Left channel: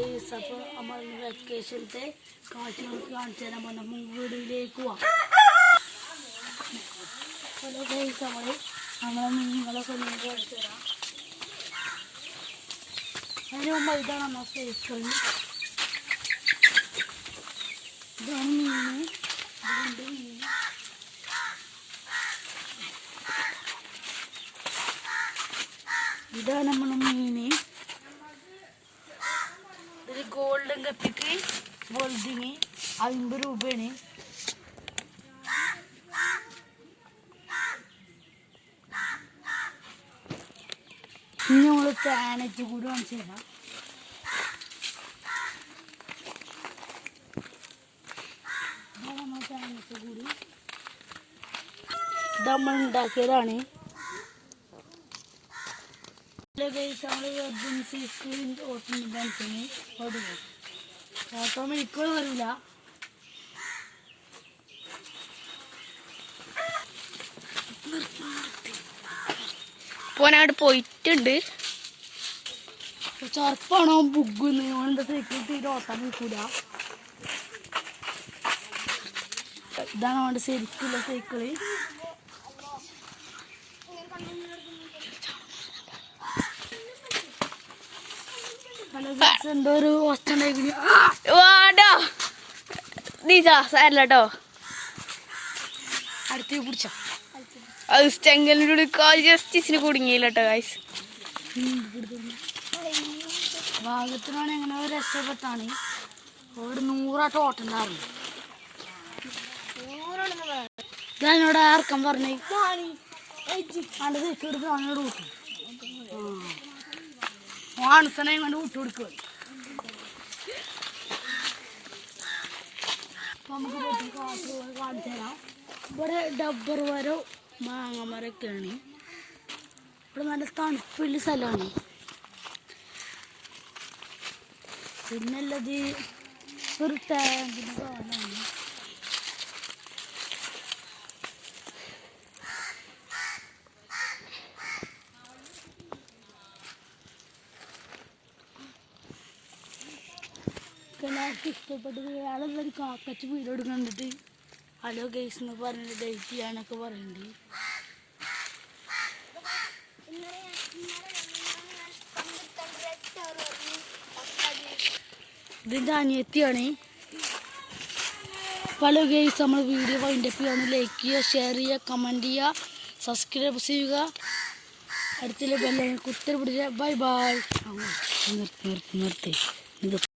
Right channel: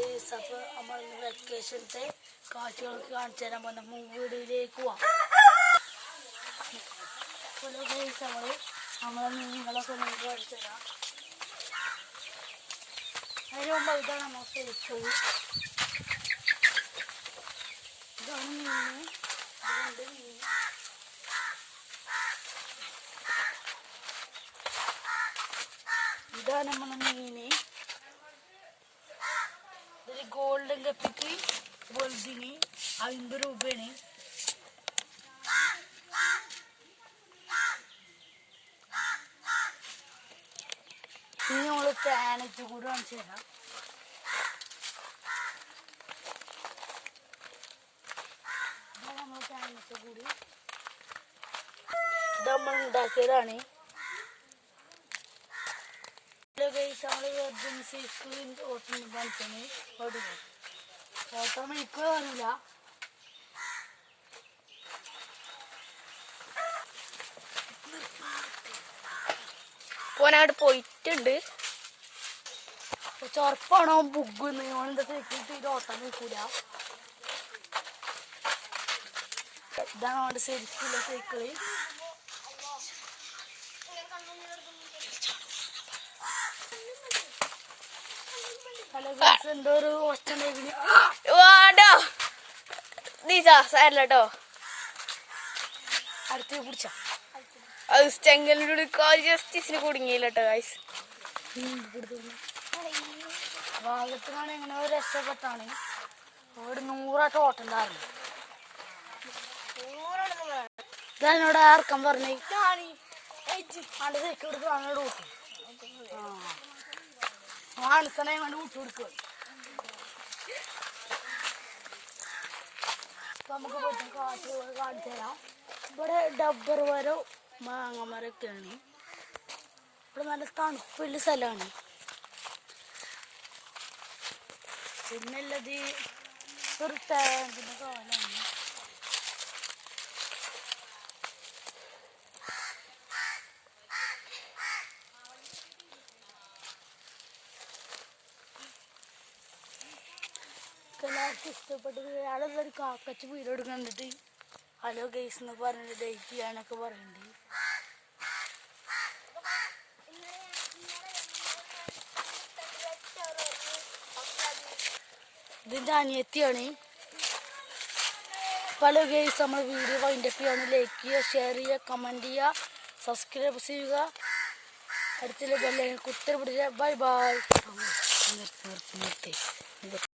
Guys, അപ്പോൾ നമ്മൾ വെക്കേഷനത്തെ കാഴ്ചകൾക്ക് കാണിച്ചു തരാൻ പോകുന്ന വീടിലേക്ക് പോവാം. ഹലോ ഗൈസ്, നമ്മളെ മീനുകളൊക്കെ നിങ്ങൾക്ക് കാണിച്ചു തരാം. അതിന് മുമ്പ് ഇതാണ് നമ്മൾ സൈക്കിൾ. ഇതാണ് മീന്, ഇതുണ്ട് മീന്. ഇതാണ് നമ്മളെ മീന്. ഒരു ഗോൾഡൻ കപ്പിക്ക് വലുതിന് 50 രൂപയാണ്. ഇനി നമ്മൾ പാനറ്റ് കൂടെ കാണിച്ചു തരാം. നമ്മൾ പാനറ്റ് കൂടി ഇത് നമ്മൾ ഉണ്ടാക്കിയതാണ്. ഓട്ടോമാറ്റിക്കൂടെ വരില്ല. പോനവിടെ പോയിട്ടുണ്ട്. ചെറുപ്പാണോ ബുഗ്ഗുന്ന് ഓണെന്താ സൈക്കിൾ തീരെ ഓട്ടം നിൽക്കൂല. ഇതാണ് അവിടെ ശരിക്കുള്ള സൈക്കിള്. എന്റെ ഒരു ഹോസ്റ്റലിലേക്ക് സാരല്ലോ അടുത്തേക്ക് പിടിച്ച അത് ചെങ്കലിൻ്റെ കാൽ ജസ്റ്റിസിന് കുടുങ്ങിയില്ലട്ടോ ഗൈസ്. ഭാഗത്തിനാണ് എങ്ങനെ രക്ഷപ്പെട്ടാണ്. ഒരു 100 ഓട്ടുണ്ടായിരുന്നു. ഞാനിവിടെ ആർക്കം പറഞ്ഞു മാനസനെ കൊണ്ട് വിട്ടുകൊടുക്കുക. അപ്പൊ നമുക്ക് കാറ്റ് കാണിച്ചു തരാം. ഇവിടെ ഡബ്ബർ മരം മാങ്ങ മരമൊക്കെയാണ്. ഇവിടെ നല്ല തണുപ്പുള്ള സ്ഥലമാണ്. പിന്നുള്ളത് ഒരു ടാങ്കിൻ്റെ കാലാണ്. എല്ലാവർക്കും ഇഷ്ടപ്പെട്ടത് ആളെല്ലാവരും കാക്കച്ച് വീഡിയോ കണ്ടിട്ട് ഹലോ ഗൈസ് എന്ന് പറഞ്ഞിട്ട് ഡേറ്റ് ചെയ്യാനൊക്കെ പറയുന്നുണ്ട്. ഇതിൻ്റെ അനിയത്തിയാണ്. ഹലോ ഗൈസ്, നമ്മൾ വീഡിയോ വൈൻഡപ്പ് ചെയ്യാണ്. ലൈക്ക് ചെയ്യുക, ഷെയർ ചെയ്യുക, കമൻറ്റ് ചെയ്യുക, സബ്സ്ക്രൈബ് ചെയ്യുക. അടുത്തുള്ള ബെല്ലൈക്കൺ കുത്തി പിടിക്കുക. Bye bye. നിർത്തി